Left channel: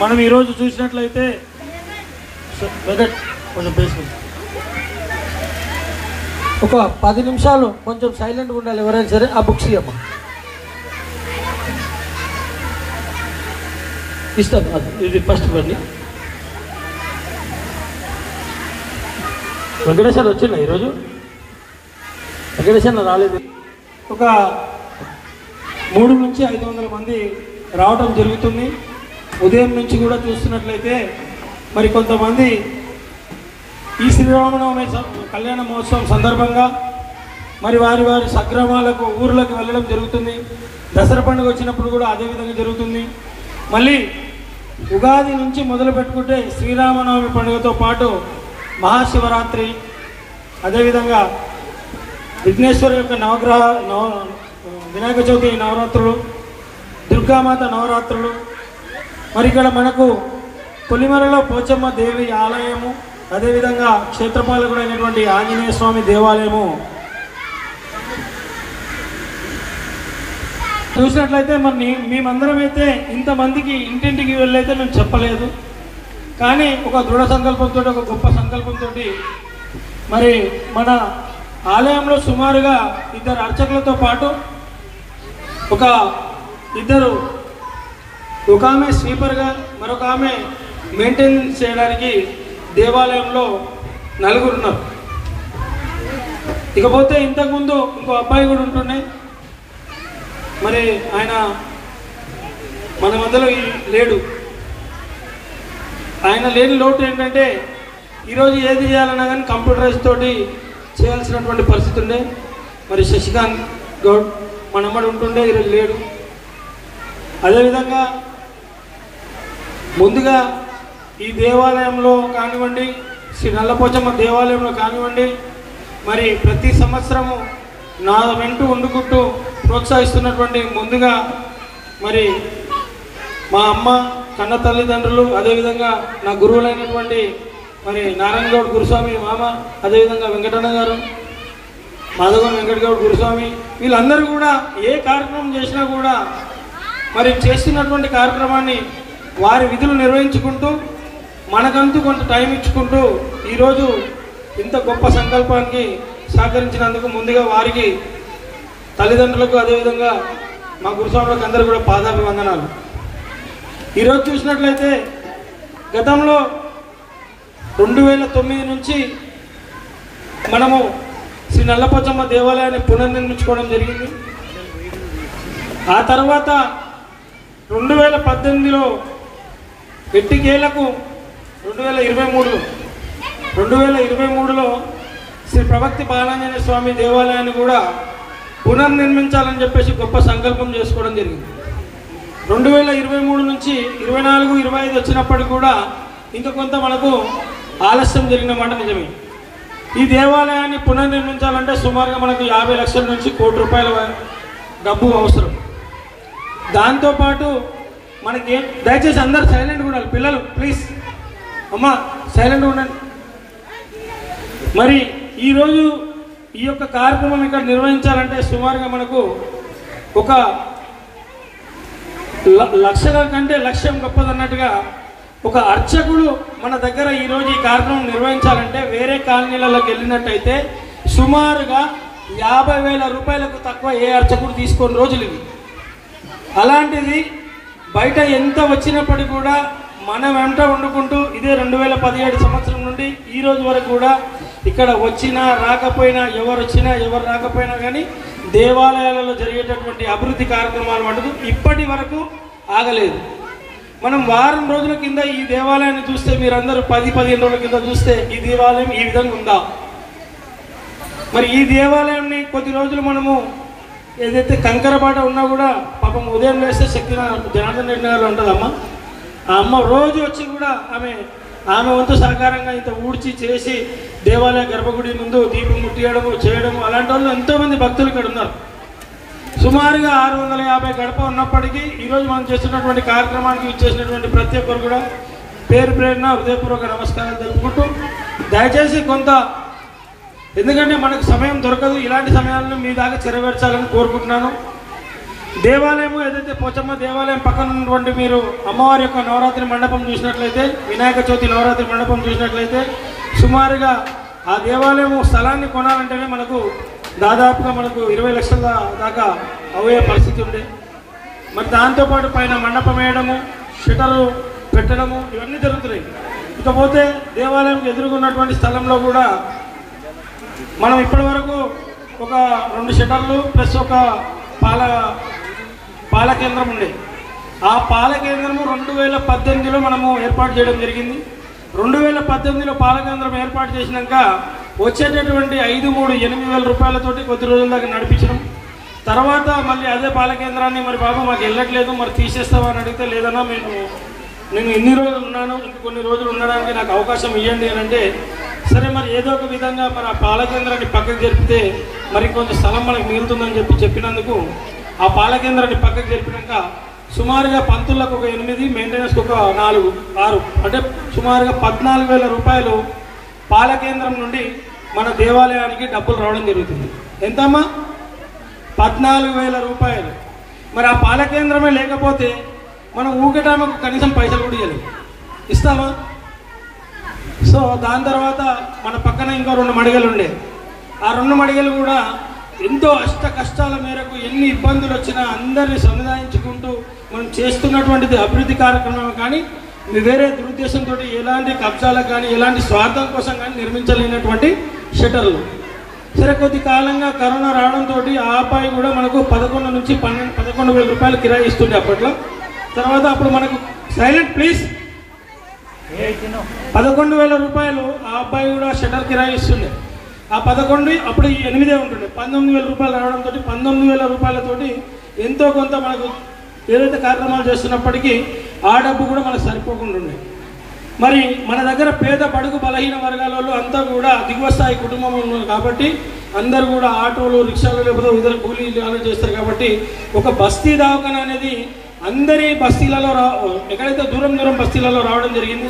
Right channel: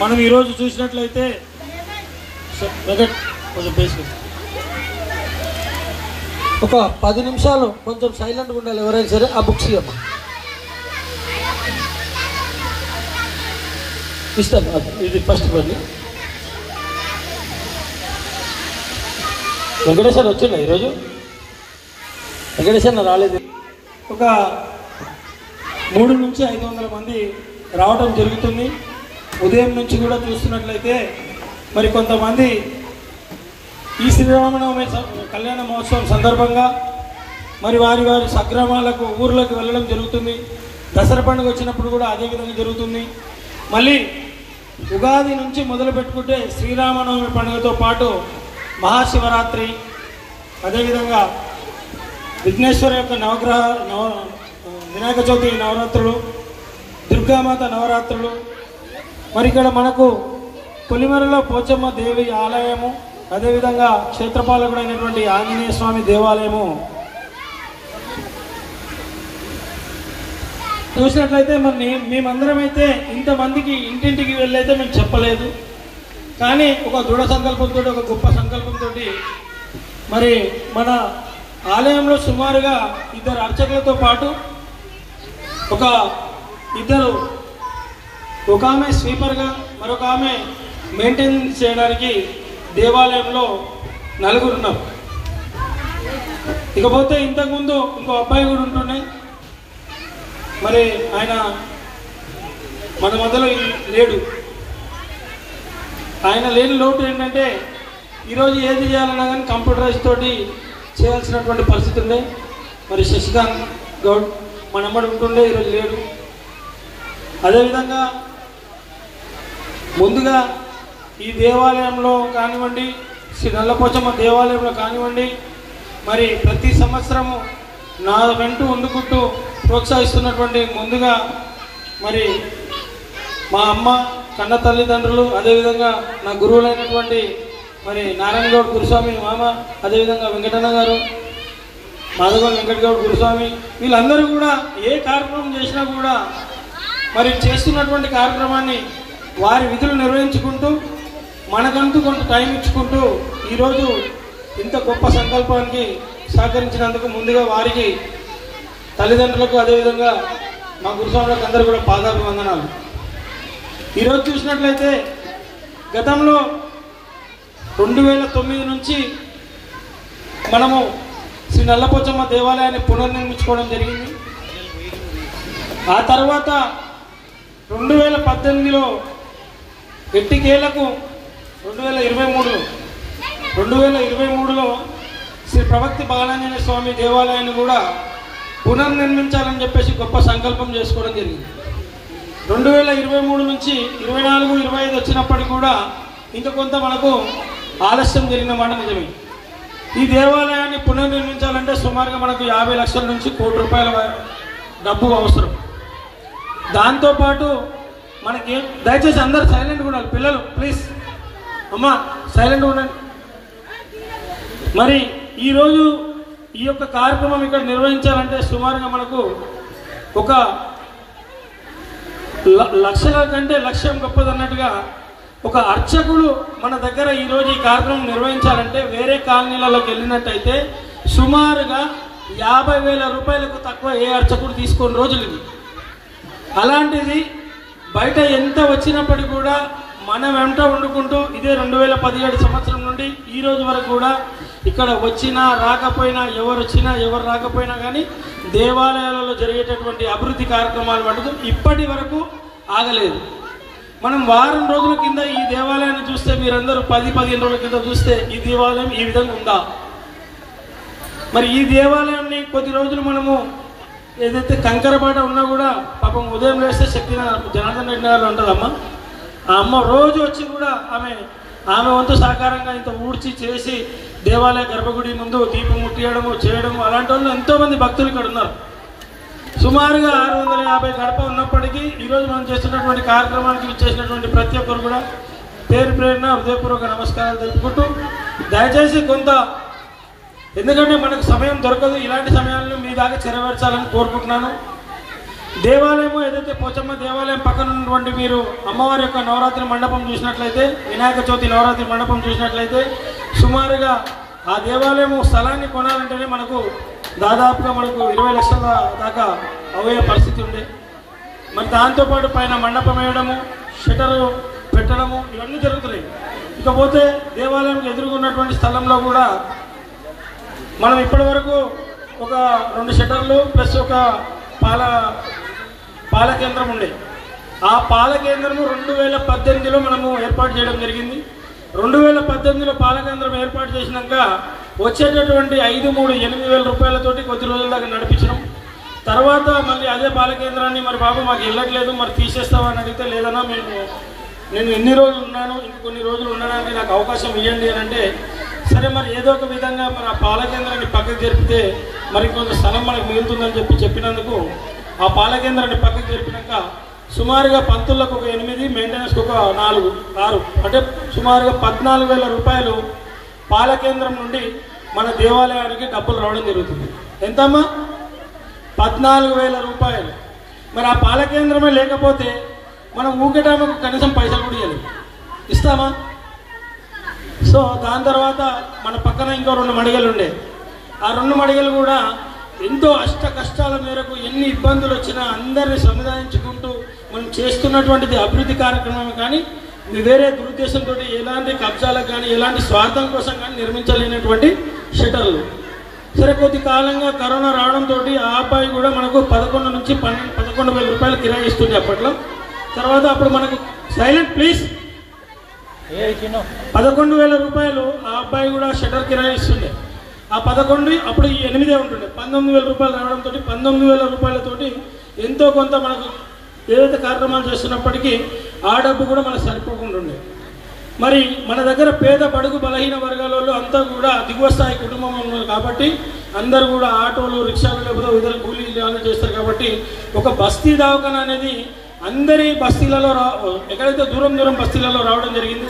మనం ఈరోజు చూసినట్లయితే ఒక 10 నిమిషాలు కొంచెం సైలెంట్గా ఉండాలి ఎవరైనా సరే. ఆ బుక్స్ ఇవ్వమ్మా, ఇస్తాను. ఇది ఫస్ట్ పని. వెంకటేశ్వర వచ్చిందా ఈరోజు? వెంకటేశ్వర రాలేదు. ఒక 300 నుంచి 500 మంది రావడం జరుగుతుంది. ఉదయం నుంచి కూడా చూస్తున్నట్లయితే మరి కొంతమంది ఈ శ్రీరామనవమి కళ్యాణ మహోత్సవం సందర్భంగా మరి వారి సగ్రామాలకు ఊర్లకు వెళ్ళడం జరుగుతుంది. దసరా పండుగ వచ్చినప్పుడు కూడా అదే విధంగా జరుగుతుంది. మళ్ళీ ఉగాది నుంచి మొదలు పెట్టుకుంటే శ్రీరామనవమి పండుగతో పాటు మహాశివరాత్రి, అదేవిధంగా విఘ్నేశ్వర యొక్క వినాయక చవితి నవరాత్రులు, దుర్గామాత నవరాత్రులు, మరి ఇక్కడ మనకు కొలిమరలో పోచమ్మ దేవి ఆలయము, అదేవిధంగా క్షేత్రపాలకుడైనటువంటి ఆంజనేయ స్వామి దేవాలయము చూసినట్లయితే మరి మేమందరం అయితే ఇంతమందికి ఇంటింటికి వెళ్ళైతే మేము చెప్పలేదు. కానీ ఒక దృఢ సంకల్పంతో, ఒక గొప్ప సంకల్పంతో మరి మన ఆలయంలో సుమారుగా 2 అర్చకులతో పాటు ఒక ఆమె స్వీపర్గా, మరొక ఆమె మెయింటైన్ చేయడానికి దేవాలయంలో 4 ఉన్నారు. ఇకపోతే ఇంతకుముందు ఇంకో అబ్బాయి కూడా ఉంటున్నాయి. మరి ఆయన మన మధ్యలో లేడు. ఆయన లేని లోటు ఏంటంటే ఈరోజు ఏది చేయాలన్నా కానీ కంప్యూటరైజ్ తోటి చేయాల్సినటువంటి పరిస్థితి ఉండే. మరి శశికాంత్ గౌడ్ మనమ్మడు ఉంటుండే, ఈరోజు లేడు. అదేవిధంగా ముందుగా ఈ దేవాలయంలో కానివ్వండి, శ్రీ నల్లపోచమ్మ దేవాలయంలో కానివ్వండి, మరి ప్రతి సంవత్సరము నా వెంట వండుకుంటూ ప్రోత్సహిస్తున్నటువంటి ముందుగా మరి మా అమ్మ, కన్న తల్లిదండ్రులు, అదేవిధంగా నా గురువులైనటువంటి మరి నారాయణ గౌడ్ గురుస్వామి మామ, అదేవిధంగా వెంకటన్న గారు, మాధవన్ వెంకటగౌడ్ గురుస్వామి, వీళ్ళందరూ కూడా ఏ కార్యక్రమం చేసినా కూడా మరి చేస్తున్నటువంటి కార్యక్రమాన్ని వారి విధులు నిర్వహించుకుంటూ మనకంటూ కొంత టైం ఇచ్చుకుంటూ ఈరోజు ఇంత గొప్ప సంకల్పానికి సహకరించినందుకు ముందుగా వారికి, తల్లిదండ్రులకు, అదేవిధంగా మా గురుస్వాములకు అందరూ కూడా పాదాభివందనాలు. ఈరోజు చూసినట్లయితే గతంలో 2009 నుంచి మనము శ్రీ నల్లపోచమ్మ దేవాలయాన్ని పునర్నిర్మించుకోవడం జరిగింది. ఆ తర్వాత 2018లో ఎట్టికేలకు 2023లో శ్రీ ప్రవక్తి బాలాంజనేయ స్వామి దేవాలయాన్ని కూడా పునర్నిర్మించాలని చెప్పేసి గొప్ప సంకల్పం చేసుకోవడం జరిగింది. 2023 నుంచి 24, 25 వచ్చినప్పటికీ కూడా ఇంకా కొంత మనకు ఆలస్యం జరిగిన మాట నిజమే. ఈ దేవాలయాన్ని పునర్నిర్మించాలంటే సుమారుగా మనకు 50 లక్షల నుంచి 1 కోటి రూపాయల డబ్బు అవసరం. దాంతోపాటు మనకి దయచేసి అందరు సైలెంట్గా ఉండాలి. పిల్లలు ప్లీజ్ అమ్మా సైలెంట్గా ఉండండి. మరి ఈరోజు ఈ యొక్క కార్యక్రమం ఇక్కడ నిర్వహించాలంటే సుమారుగా మనకు ఒక లక్షల కంటే లక్ష్యం గొప్పదన్నట్టుగా ఒక అర్చకుడు మన దగ్గర ఈరోజు ఈ కార్యక్రమం నిర్వహించాలంటే వేరే కాలనీలలోకి వెళ్ళినట్టయితే సుమారుగా 50,000 రూపాయలకు తక్కువ ఏ అర్చకుడు తీసుకొని రోజులు ఇది. అలాంటిది బయట ఎంత వచ్చినప్పటికీ కూడా మనం వెంట వండుకుంటూ ఇదే 2017 సంవత్సరం నుండి ఈ రోజు వరకు కూడా ఇక్కడ వచ్చినా రాకపోయినా, ఎవరు వచ్చినా ఎవరు రాకపోయినా కానీ దేవాలయాలలో జరిగేటటువంటి అభివృద్ధి కార్యక్రమాలు మటుకు ఇప్పటి వరకు ఆగలేదు. మనం వారం రోజుల కింద ఈ దేవాలయాన్ని చూస్తే, మీరందరూ 10-15 రోజుల కింద చూస్తే ఈ దేవాలయం ఈ విధంగా ఉందా? మరి ఈ దేవాలయాన్ని కొద్ది రోజులు మనము ఏదైతే కంకరబాట ఉన్నా కూడా పాపం ఉదయం లేస్తే శక్తి జనార్దన్ రెడ్డి గారు ఉంటుందమ్మా. ఆ అమ్మ రోజు వచ్చి కూడా ఆమె వంతు సహకారంగా ఇంత ఊడ్చి చేసి దేవాలయ గర్భగుడి ముందు దీపం ముట్టియడము చేయడము, అలాంటి వాళ్ళు ఎంతోమంది భక్తులు ఇక్కడ ఉన్నారు. సుమారుగా 650 గడప ఉన్నప్పటికీ ఈరోజు మనం చేస్తున్నటువంటి కార్యక్రమానికి ఇచ్చేసినటువంటి ప్రతి ఒక్కరు కూడా పేరు ప్రేరణ హృదయపూర్వక నమస్కారాలు తెలుపుకుంటూ, దయచేసి కొంత, ఎందుకంటే మనకు సమయం దొరకదు, ఇలాంటి సమయాలను మీ దాకా చేరవేర్చాలని కోరుకుంటున్నాను. దేవాలయం ఏదైతే పోచమ్మ దేవాలయం పక్కన ఉన్నటువంటి మీరు అమ్మవారి యొక్క నవరాత్రి మండపం చూసినట్లయితే, వినాయక చవితి నవరాత్రి మండపం చూసినట్లయితే సుమారుగా ఆ దేవాలయం స్థలాన్ని కొనాలంటేనే మనకు దాదాపుగా మనకు 20 లక్షల దాకా అయ్యే పరిస్థితి ఉంది. మరి దాంతోపాటు పైన మండపం వేయడము, షటర్లు పెట్టడము ఇవన్నీ జరుగుతున్నాయి. ఇకపోతే దేవాలయం ఎదురుగున్నటువంటి స్థలంలో కూడా మనం ఇప్పటి వరకు ఒక 2 షటర్లు ప్లస్ ఒక పాల కేంద్రం ఉండే. ఆ పాల కేంద్రము 2018లో మనము ఏర్పాటు చేయడం జరిగింది. 2018లో పాల కేంద్రం ఏర్పాటు చేసినాక వచ్చేటటువంటి 5,3,8,000 రూపాయలతోటి కొద్ది రోజుల దాకా నడిపించడం. తర్వాత మళ్ళీ అదే పాల కేంద్రాన్ని మరి బాబు మాకు వెళ్ళట్లేదు, మరి తీసేస్తామని అడిగితే లేదన్నా నేను ఇన్ని రోజులు ఉన్నాను, ఇంక కొన్ని రోజులు ఉండడానికి నాకు అవకాశం ఇవ్వండి అని అంటే, సరే మరి ఏదో ఒక విధంగా మరి ఆ పాల కేంద్రాన్ని పక్కకు జరిపితే మరి కొంత స్థలం మనకు మిగులుతుందని చెప్పినందుకు ఆ పాల కేంద్రాన్ని పక్కకు జరిపినాక సుమారుగా పంతులకు ఒక 8, మెయింటెనెన్స్కి ఒక 4, 6 అంటే సుమారుగా 14,000 రూపాయలు పాల కేంద్రం నుండి మన దేవాలయానికి డబ్బులు రావడం జరుగుతుంది. ఎంతమ్మా? 14,000 రూపాయలు. మరి ఆ పాల కేంద్రమే లేకపోతే మనం ఊకేటామకు కనీసం పైసలు కూడా ఇవ్వలేదు, ఇస్తామా? సో దాని తర్వాత మన పక్కన ఇంకో 2 మడిగలు ఉండే. ఆ 2 మడిగలు కూడా ఎంతో అష్ట కష్టాల మేరకు ఎన్ని ఇబ్బందులు వచ్చినా అందరినీ సముదాయించుకుంటూ మనం చేస్తున్నటువంటిది అభివృద్ధి కార్యక్రమం కానీ వేరే దురుద్దేశంతో ఎలాంటి కబ్జాలకు కానీ ఎలాంటి స్వార్థం కోసం కానీ నిర్మించలేనటువంటి షటర్లు. సరే కొద్ది కాలంగా కరోనా రావడంతో ఆ అబ్బాయి కూడా మనకు 11 నుంచి 11,000 రూపాయలు కిరాయి ఇస్తుంది అప్పట్లో. తర్వాత అప్పుడు మనకు సైలెంట్ ప్లీజ్ 11,000 రూపాయలు ఆ అబ్బాయి కూడా షటర్ కిరాయి ఇస్తుండే. ఆ 11 అప్పుడు ఈ 8 ఉంటుండే. 19,000 రూపాయలు రావడంతో 19,000 రూపాయలతోటి ఎంతో కొంత మనకు ఏదైతే కార్యక్రమాలు చేస్తున్నప్పటికీ ఆ డబ్బు కూడా మనకు సరిపోకుండా ఉండే. మరి మన దగ్గర పేద బడుగు బలహీన వర్గాల వాళ్ళు అంతా కూడా దిగువ స్థాయి కుటుంబం ఉన్నారు కాబట్టి అందరూ కూడా ఆటోలు, రిక్షాలు లేకపోతే ఇతర కూలీలు చేస్తారు కాబట్టి ఒక బస్తీ దవాఖానా అనేది అందరి బస్తీలలో ఎక్కడైతే దూరం బస్తీలలో రావడం జరిగింది.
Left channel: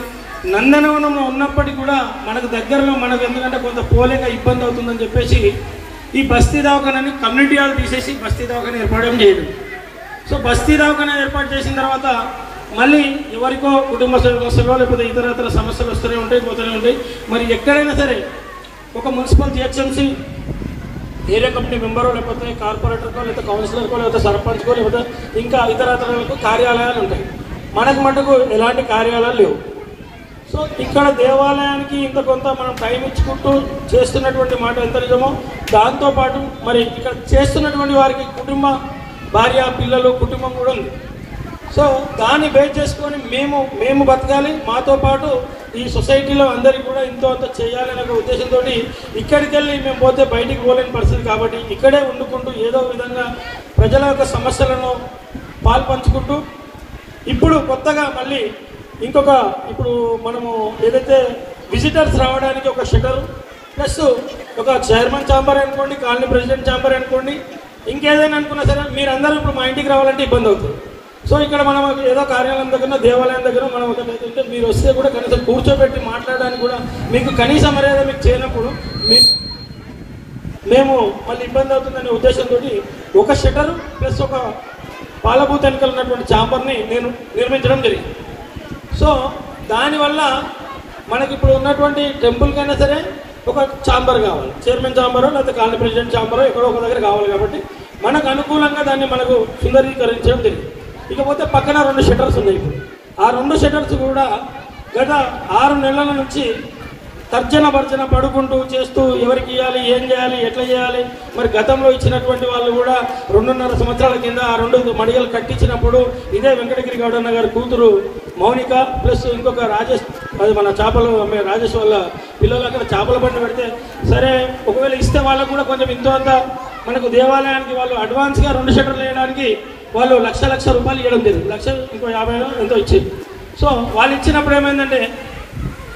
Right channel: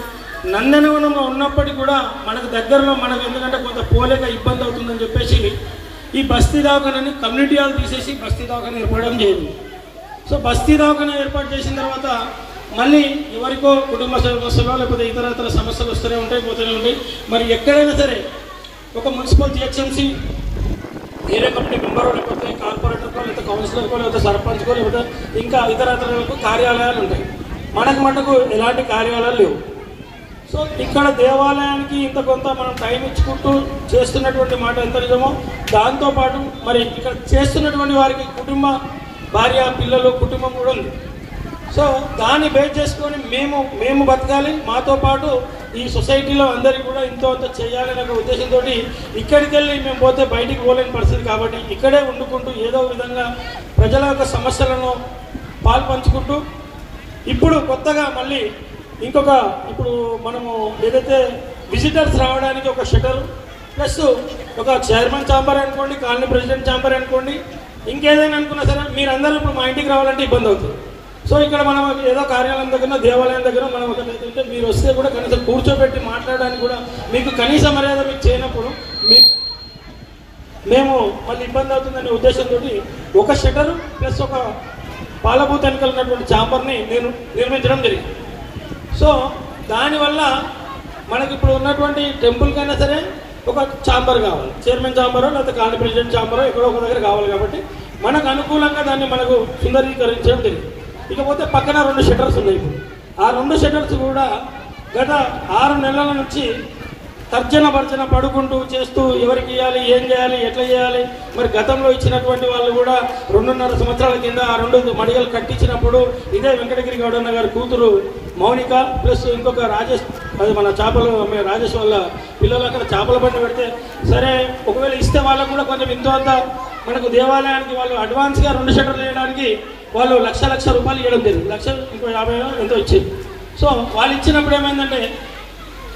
నందనవనంలో ఉన్నప్పటికీ కూడా మనకు దగ్గరలో మనకు ఎందుకంటే కొంత పోలేక ఇబ్బంది అవుతుందని చెప్పేసి ఈ బస్తీ దవాఖానాని కమ్యూనిటీ హాల్ తీసేసి బస్తీ దవాఖానా ఏర్పడడం చేయడం. సో బస్తీ దవాఖానా ఏర్పాటు చేసిన తర్వాత మళ్ళీ ఎవరికో కుటుంబ సమస్యలు లేకపోతే ఇతర సమస్యలు వస్తూనే ఉంటాయి, పోతూనే ఉంటాయి. మరి ఎక్కడైనా సరే ఒక మున్సిపల్ జిహెచ్ఎంసీ ఏరియా కమిటీ మెంబరో లేకపోతే కార్పొరేటర్కో లేకపోతే కౌన్సిలర్కో లేకపోతే సర్పంచ్కో లేకపోతే ఇంకా ఇతరత్రకు కార్యాలయాలు ఉంటాయి. మటుకు ఎలాంటి కార్యాలయాలు లేవు. సో ఇక్కడ దేవాలయానికి ఇంత కొంత మనం టైం ఇచ్చుకుంటూ చేస్తున్నటువంటి మాట ఎంత నిజమో దాంతోపాటు మరి ఇక్కడ చేస్తున్నటువంటి వారికి కుటుంబ భార్య పిల్లలు కుటుంబం కూడా ఉంది. సో దాన్ని బేస్ చేసుకొని మేము బతకాలి, మాతో పాటు ఈ సొసైటీలో అందరికీ కూడా ఇంతో అంత చేయాలనే ఒక ఉద్దేశంతో ఇక్కడికి వెళ్ళి మేము పోతే బయటికి పోలేని పరిస్థితి కాబట్టి ఇక్కడే వండుకుంటూ ఏదో విధంగా ప్రజల యొక్క సమస్యలను పాల్పంచుకుంటూ ఇప్పుడు కొత్తగా మళ్ళీ ఇప్పుడు మనము ఏదైతే విజిటర్స్ రావడానికి ఒక షటర్ ప్లస్ ఒక చైర్మన్ ఛాంబర్ అనుకోండి, కాలనీ ప్రెసిడెంట్ ఛాంబర్ అనుకోండి, ఇంకేదైనా అనుకున్నా సరే మీరందరూ ఇప్పుడు మా ఇంటికి రావాలంటే ఇబ్బంది అవుతుంది. సో ఇక్కడ మనం ఏదో కార్యాలయం దగ్గర దేవాలయం దగ్గర మనం ఒకటైతే మీరు వస్తే కూడా కనీసం కూర్చోబెట్టి మాట్లాడడానికి కూడా మీకు కనీస మర్యాద మీకు చేయనప్పుడు మేము మళ్ళీ ఇబ్బంది అవుతుందనే ఉద్దేశంతో ఒక షటరు ప్లస్ ఒక పాలభూత ఎన్నికలు ఉన్నటువంటి ఛాంబర్ని నేను నిర్మించడం జరిగింది. సో దానివల్ల మనకి ఇప్పుడు ఉన్నటువంటి టెంపుల్కైనా సరే ఒక ఛాంబర్ కావాలి, చైర్మన్ ఛాంబరో లేకపోతే కాలనీ ప్రెసిడెంట్ ఛాంబరో ఎక్కడో ఒక దగ్గర కావాలి కాబట్టి మనకు అనుకూలంగా దాన్ని మనకు సుందరీకరించడం జరిగింది. ఇకపోతే పక్కన 2 షటర్స్ ఉన్నాయి. ఆ 2 షటర్స్ కూడా గత 6 నెలల నుంచి తర్జన భర్జన పడుకుంటూ చేస్తూ ఎవరికి ఇవ్వాలి, ఏం చేయాలి, ఎట్లా చేయాలి. మరి గతంలో ఇచ్చినటువంటి వాళ్ళు కూడా 2.5 సంవత్సరాల కింద ఆ 2 మడిగలు కట్టించినప్పుడు ఇదే వెంకటగిరి గౌడన్న గారి కూతురు మౌనిక ప్లస్ ఇంకొక రాజేష్, అది మన రాజేష్ వాళ్ళ పిల్లలు అక్కడ చేపల బండి పెడితే సరే ఒకవేళ ఇస్తే వాళ్ళకు కూడా కొంచెం ఎంతో అంత మనకు దేవాలయానికి వాళ్ళు అడ్వాన్స్గా 2 షటర్లు వేయడానికి వాళ్ళు లక్ష రూపాయలు ఇవ్వడం జరిగింది. 1,50,000 ఎంతో ఇచ్చింది. సో వాళ్ళు ఇచ్చినప్పుడు ఏమైందంటే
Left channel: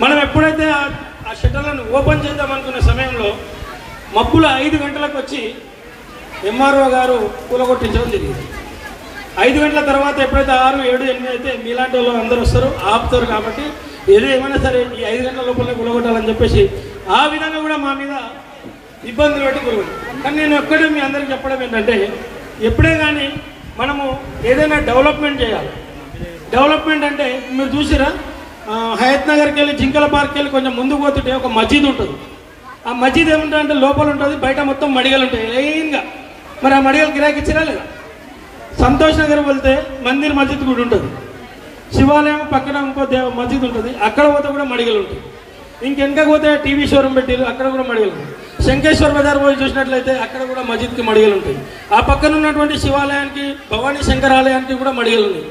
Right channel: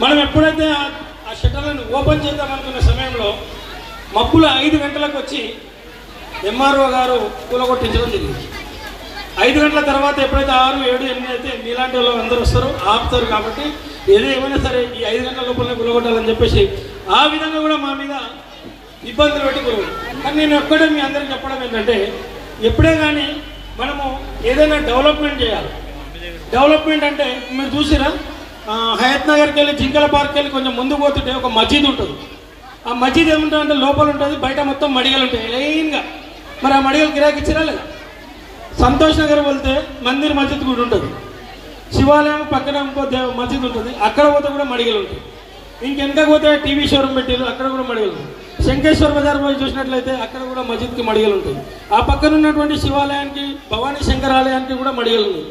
మనం ఎప్పుడైతే ఆ షటర్లను ఓపెన్ చేద్దాం అనుకున్న సమయంలో మబ్బులు 5 గంటలకు వచ్చి ఎంఆర్ఓ గారు కూలగొట్టించడం జరిగింది. 5 గంటల తర్వాత ఎప్పుడైతే 6, 7, 8 అయితే మీలాంటి వాళ్ళు అందరూ వస్తారు ఆపుతారు కాబట్టి ఏమైనా సరే ఈ 5 గంటల లోపల కూలగొట్టాలని చెప్పేసి ఆ విధంగా కూడా మా మీద ఇబ్బందులు పెట్టుకోరు. కానీ నేను ఒక్కడే మీ అందరికీ చెప్పడం ఏంటంటే ఎప్పుడే కానీ మనము ఏదైనా డెవలప్మెంట్ చేయాలి. డెవలప్మెంట్ అంటే మీరు చూసిరా, హయత్ నగర్కి వెళ్ళి జింకల పార్క్కి వెళ్ళి కొంచెం ముందుకు పోతుంటే ఒక మసీద్ ఉంటుంది. ఆ మసీద్ ఏముంటుంది అంటే లోపల ఉంటుంది, బయట మొత్తం మడిగలు ఉంటాయి లైన్గా. మరి ఆ మడిగలు గిరాకీ ఇచ్చిరా లేదా? సంతోష్ నగర్ వెళ్తే మందిర్ మసీద్ కూడా ఉంటుంది, శివాలయం పక్కన ఇంకో మసీద్ ఉంటుంది, అక్కడ పోతే కూడా మడిగలు ఉంటాయి. ఇంకెనక పోతే టీవీ షోరూమ్ పెట్టారు, అక్కడ కూడా మడిగలు ఉంటాయి. శంకేశ్వర్ బజార్ పోయి చూసినట్లయితే అక్కడ కూడా మసీద్కి మడిగలు ఉంటాయి. ఆ పక్కన ఉన్నటువంటి శివాలయానికి, భవానీ శంకర్ ఆలయానికి కూడా మడిగలు ఉన్నాయి.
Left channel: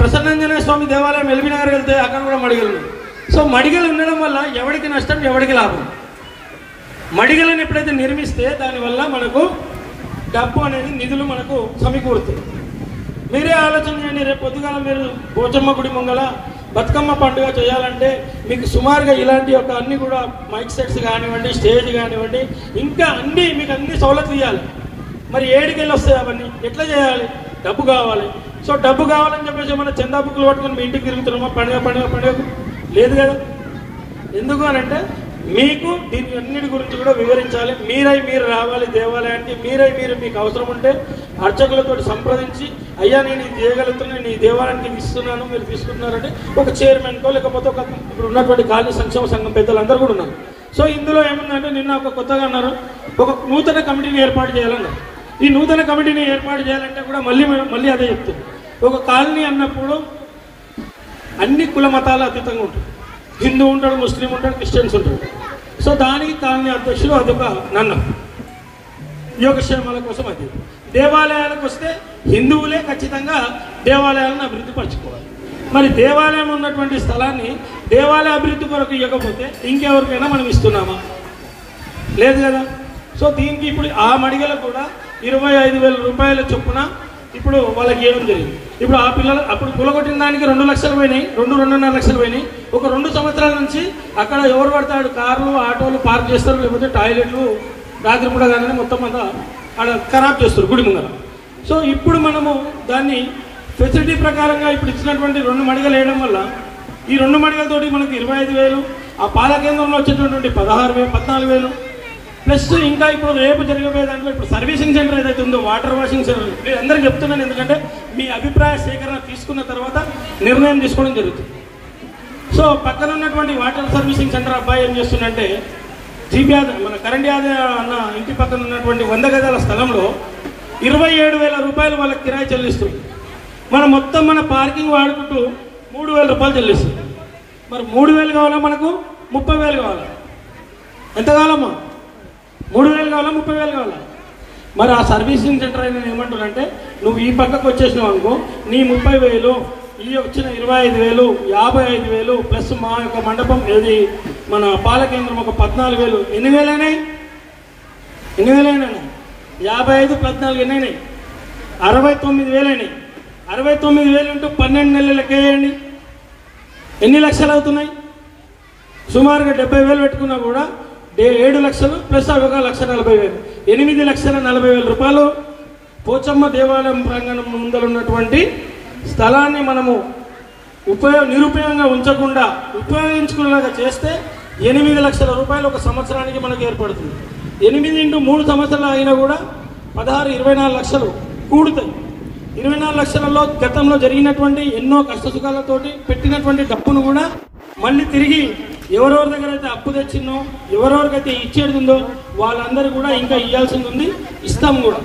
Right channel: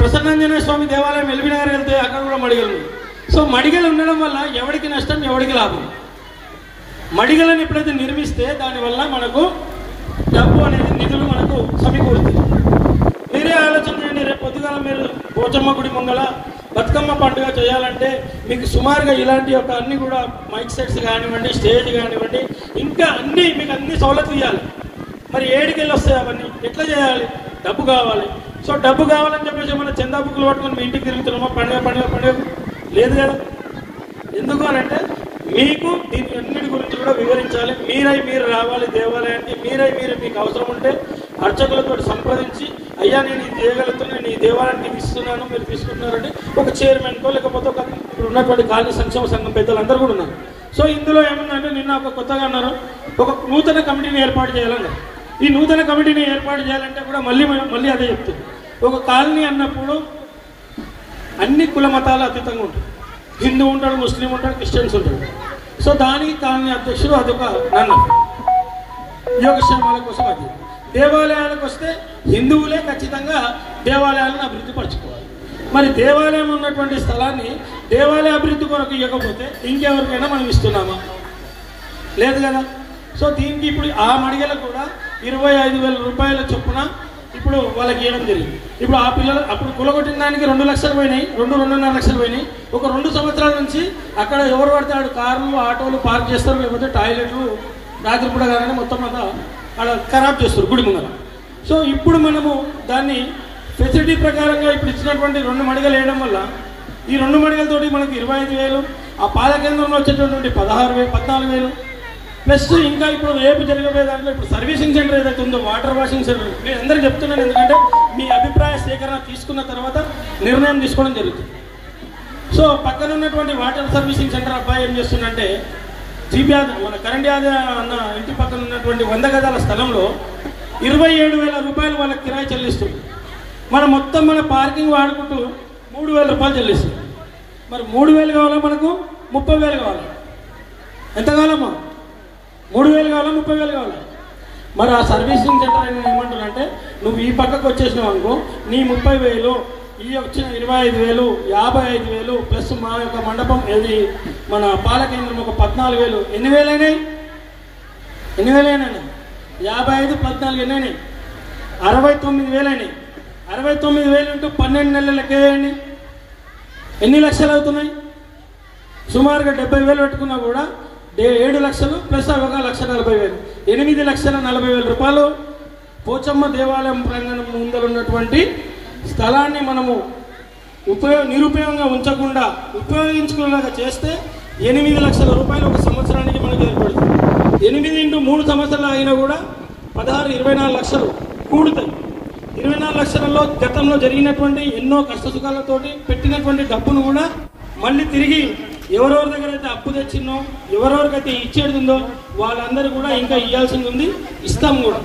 ప్రసన్నాంజనేయ స్వామి దేవాలయం ఎల్బీ నగర్ వెళ్తే అక్కడ కూడా మడిగలు ఉన్నాయి. సో మడిగలు ఉండడం వల్ల ఎవరికి నష్టం, ఎవరికి లాభం? మడిగలను ఎప్పుడైతే నిర్మిస్తే దానివల్ల మనకు డబ్బు అనేది, నిధులు మనకు సమకూరుతాయి. మీరే ఆలోచన చేయండి, రేపు పొద్దుగాల మీరు పోచమ్మ గుడి మంగళ బతుకమ్మ పండుగ చేయాలంటే మీకు సుమారుగా ఇలాంటి ఒక అన్ని కూడా మైక్ సెట్స్ కానివ్వండి, స్టేజ్ కానివ్వండి, ఇంకా అన్ని మీకు అన్ని సౌలతులు ఇవ్వాలి. మరి ఏడికెళ్ళి వస్తాయి అవన్నీ? ఎట్లా చేయాలి? డబ్బు కావాలి. సో డబ్బు కావాలని చెప్పేసి మన చందా బుక్కులు పట్టుకొని మీ ఇంటికి తిరుగుతున్నామా పండుగ పండుగ పండుగ? లేదు కదా. ఎందుకు అని అంటే మీకు దీని అన్నిటి గురించి కూడా వివరించాలి. మీరు రావాలి దేవాలయానికి. మీరు మీకు అవసరం ఉంటే అర్చకులతో సంప్రదించి, అయ్యా నేను ఇది చేయగలుగుతున్నాను, నేను ఈ దేవాలయానికి ఇస్తున్నాను, మీరు తీసుకుంటున్నారంటే ఒక చైర్మన్కో లేకపోతే ఒక ఇప్పుడు ఉన్నటువంటి కాలనీ సంక్షేమ సంఘం పెద్దలందరూ కూడా ఉన్నారు. సో ఇందులో ఏముందంటే నిన్న ఒక కొత్తగా అన్నారు, ఒక నూతన కమిటీని ఏర్పాటు చేయాలన్నారు. ఈ నూతన కమిటీని ఏర్పాటు చేయాలంటే కూడా మళ్ళీ అదే చెప్తుంది. ఒక కాలనీ అన్నప్పుడు అన్ని కుల మతాల అతీతంగా ఉంటుంది. హిందూ ఉంటాడు, ముస్లిం ఉంటాడు, క్రిస్టియన్స్ ఉంటాడు. సో దానికి కాలనీ అధ్యక్షుడు అదొక నన్ను యోగక్షేమాల కోసం. అది దేవాలయాలకు వస్తే హిందువులే ఖచ్చితంగా దేవాలయాలను అభివృద్ధి పరచుకోవాలి. మరి దేవాలయం ఉన్నటువంటి స్థలాన్ని దేవాలయ అభివృద్ధి కొరకు ఇవ్వకపోతే ఇంకెవరికైనా మనం ఇస్తున్నామా? లేదు కదా. సో దీనికి ఇప్పుడు ఆ మడిగలకు కూడా 25,000 రూపాయల చొప్పున ఇప్పుడు వాళ్ళకి ఇవ్వడం జరిగింది. ఇప్పుడు ఆ పిల్లలు అప్పుడు కులగొట్టిన దానికి 2 లక్షలు పోయినాయి, 2.5 లక్షలు పోయినాయి. ఒక 2 సంవత్సరాల నుంచి అక్కడ ఎవరు పడతాడు కార్లు, ఆటోలు పార్క్ చేస్తారు, లేకపోతే టాయిలెట్లు రాత్రి కూడా కానీ మొత్తం అంతా అక్కడ ఖరాబ్ చేస్తారు గుడి ముందర. సో ఇప్పుడు మనము దాన్ని ఫెసిలిటీ ప్రకారంగా ఇప్పుడు ఇచ్చినటువంటి 2 మడిగలు వేయడం వల్ల ఈ 2 మడిగలతోటి మనకి 25,000, ఆ పాల కేంద్రంలో వచ్చేటటువంటి 16,000, 14,000 ప్లస్ ఇంకా ఇప్పుడు రేపు జరిగే దాంట్లో ఇప్పుడు సర్వీసింగ్ సెంటర్ ఏదైతే ఉందో, వాటర్ వాషింగ్ సెంటర్, మీరు అందరికీ చెప్తున్నాను ఎందుకంటే మీ అభిప్రాయ సేకరణ తీసుకున్న తర్వాత నిర్ణయం తీసుకోవడం జరుగుతుంది. సో పక్కన ఉన్నటువంటి వాటర్ సర్వీసింగ్ సెంటర్ అబ్బాయి ఏం చేస్తుందంటే మన కరెంట్ అన్న ఇంటి పక్కన ఉన్నటువంటి 100 గదాల స్థలంలో 27,000 రూపాయలు వాళ్ళకి కిరాయి చెల్లిస్తుంది. మనం మొత్తం మన పార్కింగ్ వాడుకుంటూ 3,000 రూపాయలు చెల్లిస్తుంది. మరి 3,000 కావాలా, మనకు 30,000 కావాలి. ఎంత కావాలమ్మా? 3,000 కావాలా, 30,000 కావాలా? మరి ఆ సర్వీసింగ్ సెంటర్ నేను ఏమంటున్నానంటే నువ్వు ఈ పక్కకు వచ్చేసినావు అనుకో, నీ 30,000, ఈ వచ్చిన 25,000, 55,000 ప్లస్ మా యొక్క మండపం ఏది మన పాల కేంద్రం ఒక 14,000, ఎన్ని వేలైనాయి? 55, 14 ఎన్నైనాయి? 69,000 అయినాయి. 69,000 ఇంటూ 12 నెలలకే ఎన్ని లక్షలు అవుతున్నాయి? సుమారుగా 70,000 పెట్టుకున్నా కూడా 7 లక్షలు ప్లస్ అవి 1,40,000, 8,40,000 రూపాయలు పోచమ్మ దేవాలయం ప్రాంగణం ముందర ఉన్నటువంటి స్థలాన్ని మనము నిరుపయోగంగా ఉంచకుండా ఉపయోగించుకునేలాగా చేస్తే 8 లక్షల రూపాయలు ఒక సంవత్సరానికి మనకు ఏర్పడుతుంది. 8 ఇంటూ 3 సంవత్సరాలు అయినా కూడా 16, 24 లక్షలు కూడుతాయి. 24 లక్షలలో గతంలో జరిగినటువంటి ఎన్నో కష్టసుఖాలతోటి పెట్టినటువంటి డబ్బును కూడా మళ్ళీ తిరిగి ఎవరెవరి దగ్గర అయితే అప్పు తెచ్చిందో, ఎవరెవరికైతే ఇచ్చేడుందో వాళ్ళందరూ కూడా ఇంకా ఇవ్వాల్సింది ఉంది, ఇస్తాం కూడా.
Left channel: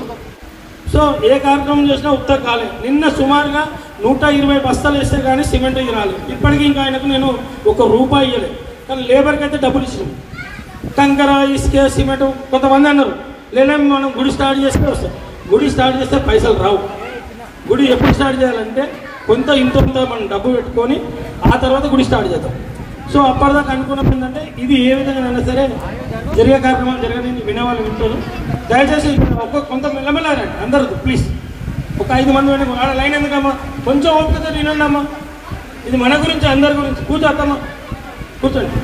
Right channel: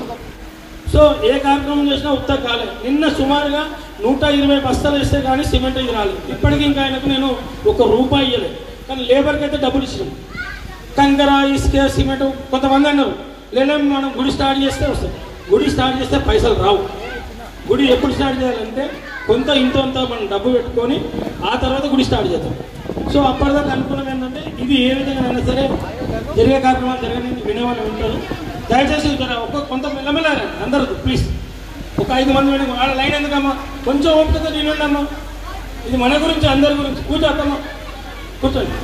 సో ఏ కార్యక్రమం చేసినా ఉత్త కాలే. నిన్న సుమారుగా 120 బస్తాలు వేస్తే కానీ సిమెంట్ రాలేదు. ఇప్పటికీ ఇంకా ఆయనకు నేను ₹1 ఇవ్వలేదు. కానీ లేబర్కి అయితే డబ్బులు ఇచ్చినాం. కంకర, ఇసుక, సిమెంట్. కొంతమంది అన్నారు లేలేం మనం గుడి స్టార్ట్ చేస్తే వస్తాం. గుడి స్టార్ట్ చేస్తే పైసలు రావు. గుడి ఎప్పుడు స్టార్ట్ చేయాలంటే ఇంత మనం డబ్బు పెట్టుకొని ఆ తర్వాత గుడి స్టార్ట్ చేద్దాం. సో అప్పటిదాకా అనుకున్నది ఏంటంటే ఇది ఏ విధంగా అయినా సరే జరిగే కార్యక్రమాలు జరగని వినేవాళ్ళు వింటారు. దయచేసి కొంత మెల్లమెల్లారండి అందరూ ప్లీజ్. ఒక 5 మంది ఆడ లైన్ ఎందుకమ్మా, కొంచెం ఓపికతో వినండి అమ్మా. ఇది మన గురించి, అందరి గురించి. కూర్చోద్దమ్మా, కూర్చోండి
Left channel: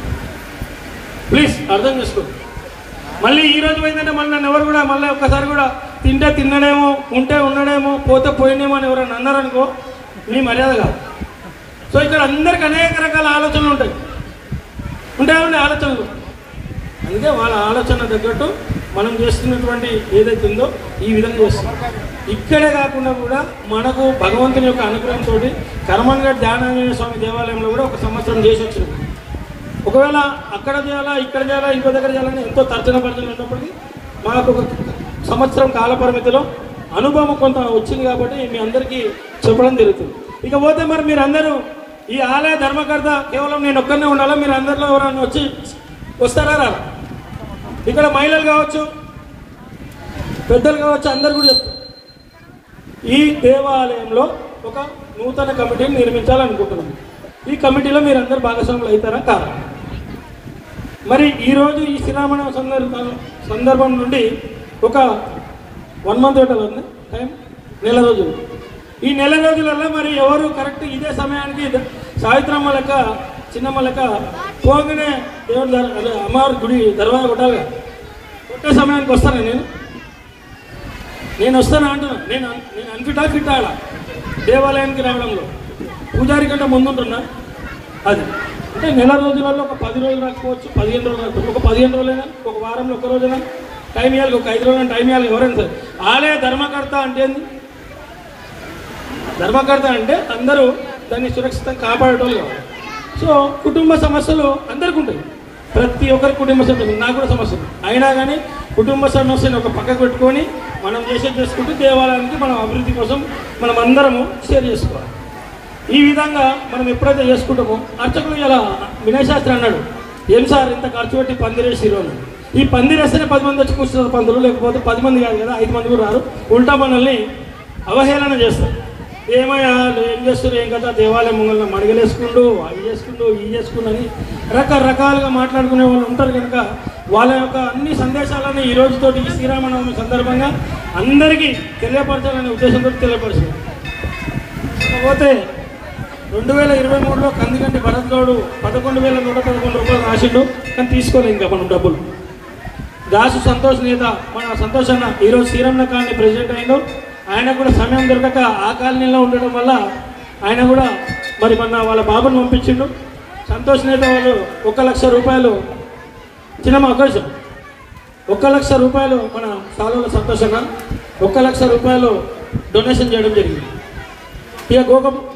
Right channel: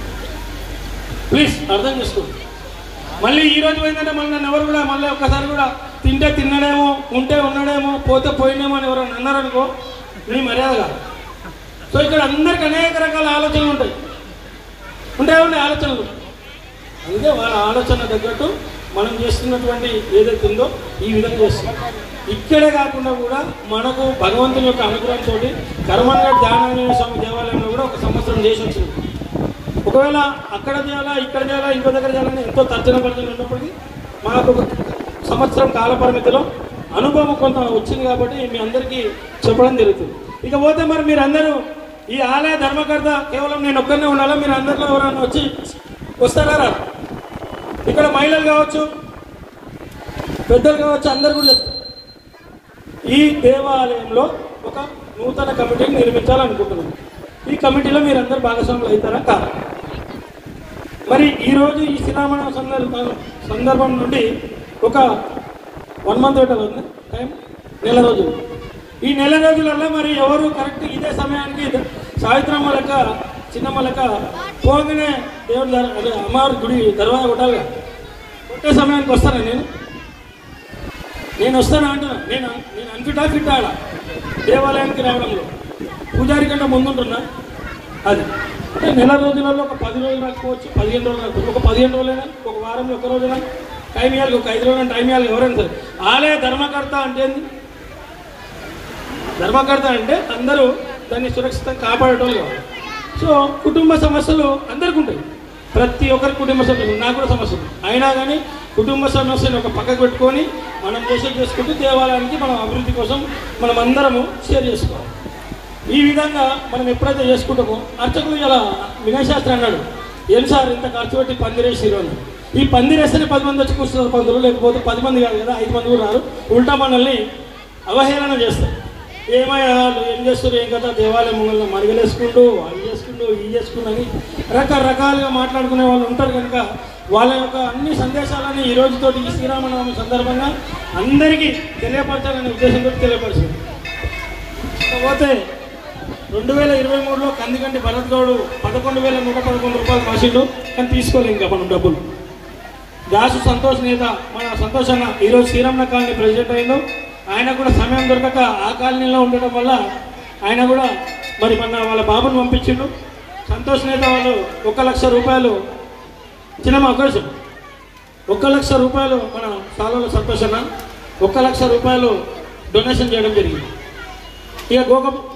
ప్లీజ్, అర్థం చేసుకో. మళ్ళీ ఈ రోజు పోయిందంటే మళ్ళీ నన్ను ఎవరు కూడా మళ్ళీ ఒక్కసారి కూడా తింటే తిన్నడేమో, ఉంటే ఉండడేమో, పోతే పోయినేమో అని ఎవరన్నా అన్నారనుకో నీ మర్యాద కాదు. సో ఇక్కడ అందరికి అనేక రకాల ఆలోచనలు ఉంటాయి ఆలోచనలు. అందుకే వాళ్ళ ఆలోచన తగ్గట్టు మనం చేస్తున్నటువంటి ఏదైతే ఉందో ఈ విధంగా వస్తుంది. ఇక్కడే కాకుండా కూడా మనకు భగవంతుని యొక్క అనుగ్రహంతో కర్మన్ఘట్ ధ్యానాంజనేయ స్వామి దేవాలయంలో కూడా ఒక సంవత్సరం చేసి వచ్చింది. ఒకవేళ అక్కడ చేయాలా ఇక్కడ చేయాలా ఇంకో దగ్గర చేయాలని ఎంతో తర్జన భర్జన ఉన్నప్పటికీ మనకు ఒక సంవత్సరం కాల పరిమితిలో అనుభవం కొంత వచ్చింది కాబట్టి మీ అందరికీ చెప్పడం జరుగుతుంది. ఇకపోతే మరి మీరు అందరూ ఈ ఆలయ ధర్మకర్త కేవలం నేను ఒక్కనే ఉండాలా, మీరు అందరిలో ఎవరైనా వచ్చి వస్తారా? ఇక్కడ మహిళలు కావచ్చు, పెద్దలు కావచ్చు, అందరు కూడా చెప్తారు. ఈ దేవాలయంలో ఒక నూతన కమిటీని నిర్మించాలనుకుంటున్నాం. ఈ కమిటీలో మీరు అందరు భాగస్వాములు అవుతారా కాదా? మరి ఈరోజు ఈ శ్రీరామనవమి సందర్భం నుండి ఒక 1 month ఉంటుంది టైం, నెల రోజులు. ఈ నెల రోజులలో మరి ఎవరు కరెక్ట్ ఇదే సమయానికి సావిత్రమ్మ లెక్క చిన్నమ్మ లెక్క పోగానే దేవుడు అమ్మవారి గుడి దర్వాజా కొట్టాలి. ఒకే సమయానికి వస్తాను నేను వస్తాను అంటున్నా. నేను అంచుటా తిట్టాడా దేవాలయానికి రావడంలో పూజారి కంటే ముందుంటున్నా. అది అంటే నెల రోజులలో ఒక 10 రోజులు రాకపోవచ్చు, 15 రోజులు రాకపోవచ్చు, ఒక 15 రోజులైనా, ఒక వారంలో 1 రోజున టైం ఇవ్వాలి, ఒక 5 రోజులు టైం ఇవ్వాలి. ఎవరైనా సరే ఆలయ ధర్మకర్త అంటే ఏంది? ధర్మకర్త అంటే అందరూ దాన్ని సురక్షితంగా కాపాడటం కావాలి. సో కుటుంబ సమస్యలు అందరికీ ఉంటాయి, ప్రతి ఒక్కరి కుటుంబ సమస్యలు, నాకు కూడా సమస్యలు. అయినా కానీ కుటుంబ సమస్యను ఒక పక్కకు పెట్టుకొని మనం చేసుకుంటూ దేవాలయానికి మనం అభివృద్ధి కోసం మనం అందరము షేర్ చేసుకోవాలి. ఈ విధంగా మనం ఎప్పుడైతే చేసుకుంటామో అర్చకులు ఇలా వినయ్ శాస్త్రి అన్నాడు, ఏం సార్ ఇంత ఖర్చు పెట్టి పందిరేసిరు అని. ఈ పందిరేస్తేనే 10 మంది వచ్చి కూర్చున్నారు పందులు, లేకపోతే 10 మంది కాదు కదా, 5 మంది కూడా రారు. ఉల్టా మనల్ని అవహేళన చేస్తారు. ఏమయ్యా ఏం చేస్తారు, ఏం కదా, దేవాలయం ముంగల్ని మడిగలేసుకుంటూ అవి చేసుకుంటూ ఇవి చేసుకుంటూ అని రకరకాలుగా మాట్లాడుకునే వాళ్ళు ఉంటారు. కనుక వాళ్ళ యొక్క అన్ని సందేశాలను ఈ రోజుతో ఈ శ్రీరామనవమి సందర్భంగా అందరికీ తెలియపరచాలనే ఉద్దేశంతో తెలియపరుస్తుంది. కాకపోతే 2023లో కందికంటి భరత్ గౌడ్ 11,111 రూపాయలు రాసిండు, కానీ తీసుకోలేదు ఇంకా మనం డబ్బులు. దాసు సంతోష్ నేత మన సంతోష్ అన్న ఈరోజు శ్రీరామన కాలనీ ప్రెసిడెంట్ అయిండు. ఆయన కూడా సమయం దొరకక ఆ కాలనీలో ఉండటం వల్ల ఆయన కూడా మరి మొన్న వాళ్ళ బాబుని పంపించిండు. సంతోష్ నేత వాళ్ళు 1,00,000 రూపాయలు చిన్న అవకాశం 1,00,000 రూపాయలు మన సాలలో సంతోషంగా 1,00,000 రూపాయలు డొనేషన్ చేయడం జరిగింది. ఇక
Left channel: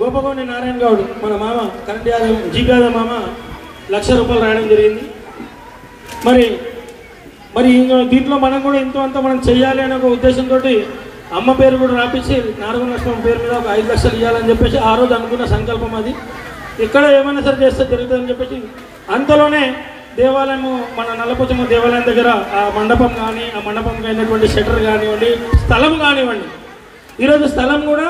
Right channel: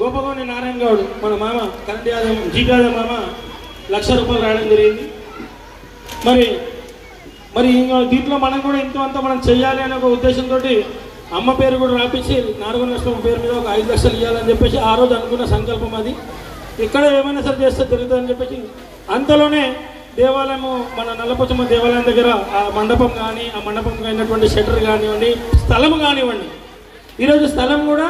గోపగోని నారాయణ గౌడ్ మన మామ కరెంట్ యాదవ్ జీపీ యాదవ్ మామ 1,00,000 రూపాయలు రాయడం జరిగింది. మరి దీంట్లో మనం కూడా ఇంతో అంతా మనం చెయ్యాలి అనే ఒక ఉద్దేశంతో అమ్మ పేరు కూడా రాపించి నారగొండ పేరు మీద ఒక 5 లక్షలు ఇవ్వాలని చెప్పేసి ఆ రోజు అనుకున్న సంకల్పం అది. ఇక్కడ ఏమైనా సరే చేస్తే జరుగుతుందని చెప్పేసి అంతలోనే దేవాలయము మన నల్లపోచమ్మ దేవాలయం దగ్గర ఆ మండపం కానీ ఆ మండపంకి అయినటువంటి షట్టర్ కానివ్వండి, స్థలం కానివ్వండి, ఈరోజు స్థలం కూడా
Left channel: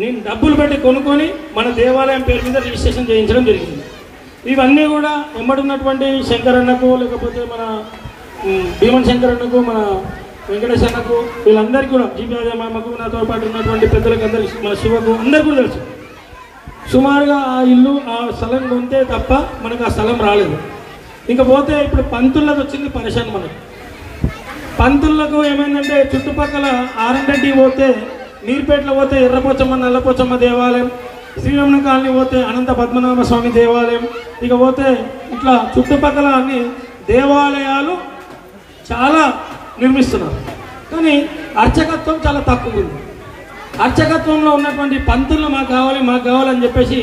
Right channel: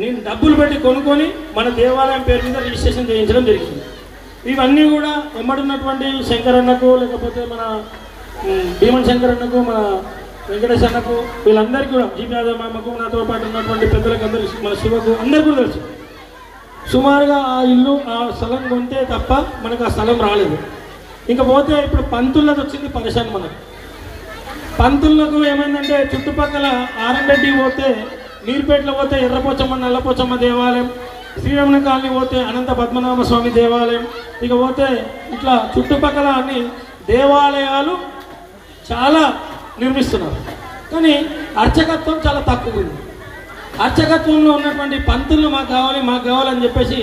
నేను డబ్బులు పెట్టి కొనుక్కొని మన దేవాలయం పేరు మీద రిజిస్ట్రేషన్ చేయించడం జరిగింది. ఇవన్నీ కూడా ఎమ్మడున్నటువంటి శంకరన్నకు, లేకపోతే మన భీమన్ శంకరన్నకు, మన వెంకటేశ్ అన్నకు, వీళ్ళందరికీ కూడా జీపీ యాదవ్ మామకు, నాతో పాటు ఉన్నటువంటి పెద్దలకు అందరికీ, మన శివకు అందరికీ కూడా తెలుసు. సుమారుగా ఆ ఇల్లు ఆ స్థలం కొంటే తప్ప మనకు ఆ స్థలం రాలేదు. ఇంకా పోతే ఇప్పుడు పంతులకు వచ్చింది పరిశాన్. మనకు పంతులకు ఏమైందంటే చుట్టుపక్కల ఆరంరెడ్డి పోతే, నీర్పేటలో పోతే ఎర్రపోచమ్మ నల్లపోచమ్మ దేవాలయం, శ్రీరమణ కాలనీ పోతే అనంత పద్మనాభ స్వామి దేవాలయం, ఇక పోతే ఇట్లా చుట్టుపక్కల అన్ని దేవాలయాలు చాలా నిర్మిస్తున్నారు. కానీ అర్చకత్వం చాలా తక్కువ ఉంది. అర్చకత్వంలో ఉన్నటువంటి పంతులను మాకు కావాలని చెప్పేసి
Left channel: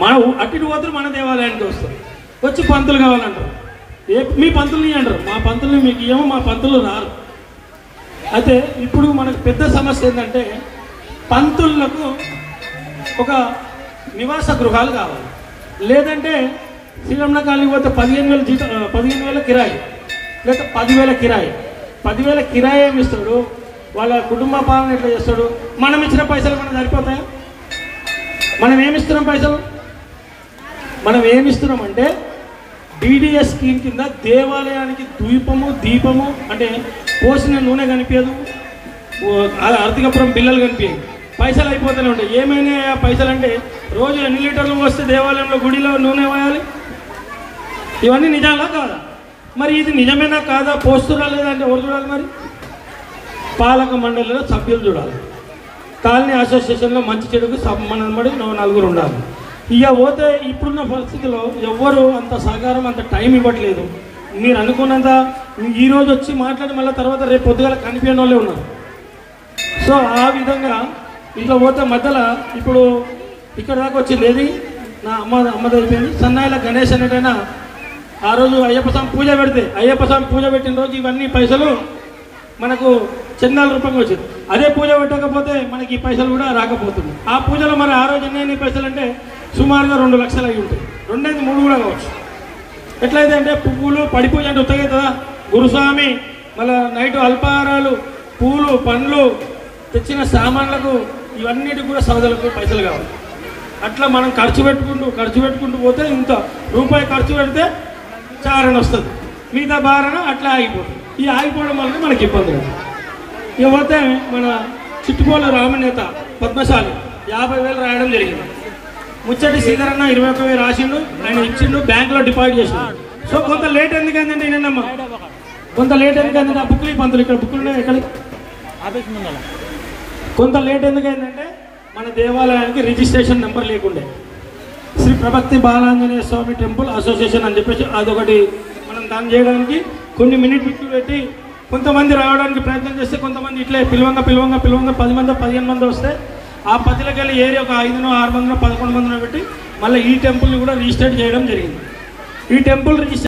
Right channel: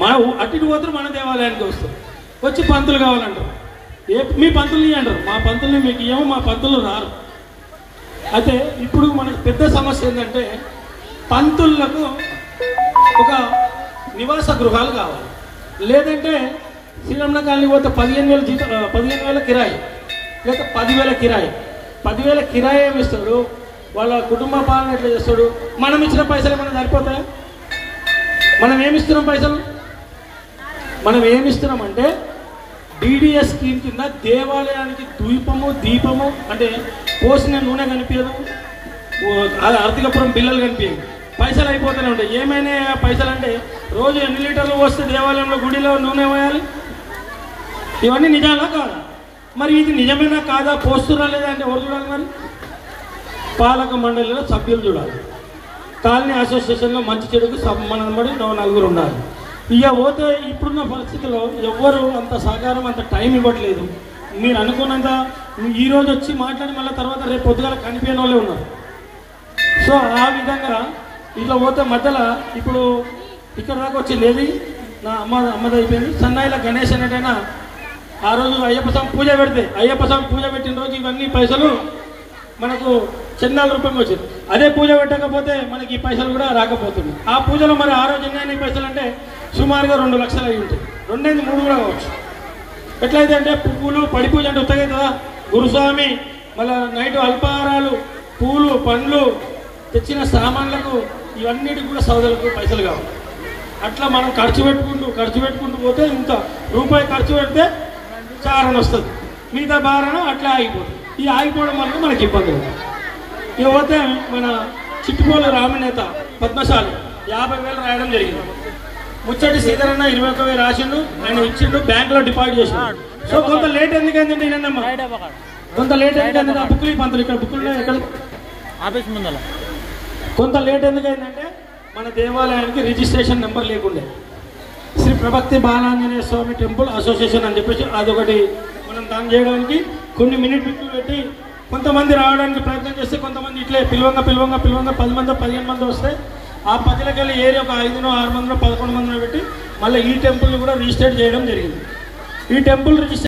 మన అటు పోతే మన దేవాలయానికి వస్తారు, వచ్చి పంతులు కావాలంటారు. మీ పంతుల్ని అంటారు, మా పంతుల్ని మీకు ఏమో, మా పంతులు రారు. అయితే ఇప్పుడు మనకి పెద్ద సమస్య ఏంటంటే పంతులకు ఒక నివాస గృహాలు కావాలి. లేదంటే శ్రీరమణ కాలనీ పోతే 15,000 కిరాయి, లేదా 10,000 కిరాయి. 10,000 కిరాయి ఏమి ఇస్తాడు, వాళ్ళ కుటుంబ పాలన ఎట్లా చేస్తాడు? మనం ఇచ్చిన పైసలు మనకు సరిపోతాయి? మనం ఏమిస్తున్నాం పైసలు? మనం ఏమిస్తున్నామంటే డిడిఎస్ స్కీమ్ కింద దేవాలయానికి దీపము అంటే పోసిన నూనె కనిపించదు, ఆర్థికపురం బిల్లలు కనిపించదు, పైసలు అయిపోతూనే ఉంటాయి. ఏమైనా పైసలు అంటే రోజు ఎన్ని లీటర్లు వస్తే దేవాలయంలో గుడిలో నూనె పోయాలి? ఇవన్నీ నిజాలా కాదా? మరి ఇది నిజమేనా కాదా? పోస్తురా లేదా అంటే ఎవరు చూడాలి? మరి పాలక మండలిలో సభ్యులు చూడాలి, కాలనీ అసోసియేషన్లో మంచి చెడుకు మనబడి 4 ఉండాలి. ఇక పోతే ఇప్పుడున్న పరిస్థితిలో ఎవ్వరు అంత సహకారం, అంత టైం ఇవ్వట్లేదు. మీరు అనుకున్నంత ఈ రోజు వచ్చి మాట్లాడి మళ్ళీ తర్వాత రేపు పొద్దుగల కనిపించిన వాళ్ళే ఉన్నారు. సో ఆ విధంగా ఇట్లా పోతే మధ్యలో ఇప్పుడు ఇక్కడ దాకా వచ్చింది ఏది నా అమ్మది అయిపోయింది. సన్నాయిల గణేష్ అనేటైనా ఆ రోజు అయ్యప్ప స్వామి పూజ పెడితే అయ్యప్ప స్వామి పూజ పెట్టిన రోజు ఇవన్నీ పైసలు మనకు చందాల రూపంగా వచ్చింది. అదే పూజ పెట్టకపోతే మనకి ఈ పైసలు కూడా రాకపోతుంది. ఆ పూజలో మరి ఆ రోజు ఎన్ని పైసలు అంటే సుమారుగా 2 లక్షలు అయి ఉంటాయి. 2-3 కూడా కావచ్చు. ఎట్లయితే అంటే పువ్వులు పడి పూజ అంటే ఉత్తగా కదా గురుస్వామి, మళ్ళీ నైట్ అల్పాహారాలు, పూలు, పండ్లు, తెచ్చిన సామాన్లకు ఇవన్నిటికి కూడా సోదరులకు పైసలు కావాలి. అట్లా మనం ఖర్చు పెట్టుకుంటూ పోతే ఇంకా రూపాయి ఖర్చు పెడితే చారణ వస్తుంది, మిగతా భారణ అట్లా ఆగిపోతుంది. ఈ ఆగిపోవడం వల్ల మనకి ఇబ్బంది ఉంది. ఇకపోతే మన చిట్టుపోల రామనేత పద్మశాలి 50,000 రాయడం జరిగింది. ముచ్చటి శ్రీధరన్న 21,000 రాసిండు, ఆయన ఇచ్చిండు, బ్యాంకులో డిపాజిట్ చేసిండు. సో కొంత లేట్ ఎందుకైందంటే నేనమ్మా కొంత లేట్ ఎందుకైందంటే ఆ బుక్లు పంతులు ఇక్కడ బుక్లు ఎక్కడ కొంత లేట్ ఎందుకైందంటే మన దేవాలయానికి రిజిస్ట్రేషన్ నెంబర్ లేకుండే. శ్రీ ప్రభక్తి బాలాంజనేయ స్వామి టెంపుల్ అసోసియేషన్ అని చెప్పేసి అదొకటి మనం దాన్ని చేయడానికి కొన్ని మినిట్లు పెట్టి కొంతమంది రావడానికి ప్రయత్నం చేస్తే కొంతమంది ఇట్లే పిలవంగా 10 మంది 15 మంది వస్తే ఆ 10కి వెళ్ళి ఏరియా ఒక 5, 6, 11 మందిని పెట్టి మళ్ళీ ఈ టెంపుల్ని కూడా రిజిస్టర్ చేయడం జరిగింది. ఈ టెంపుల్ రిజిస్టర్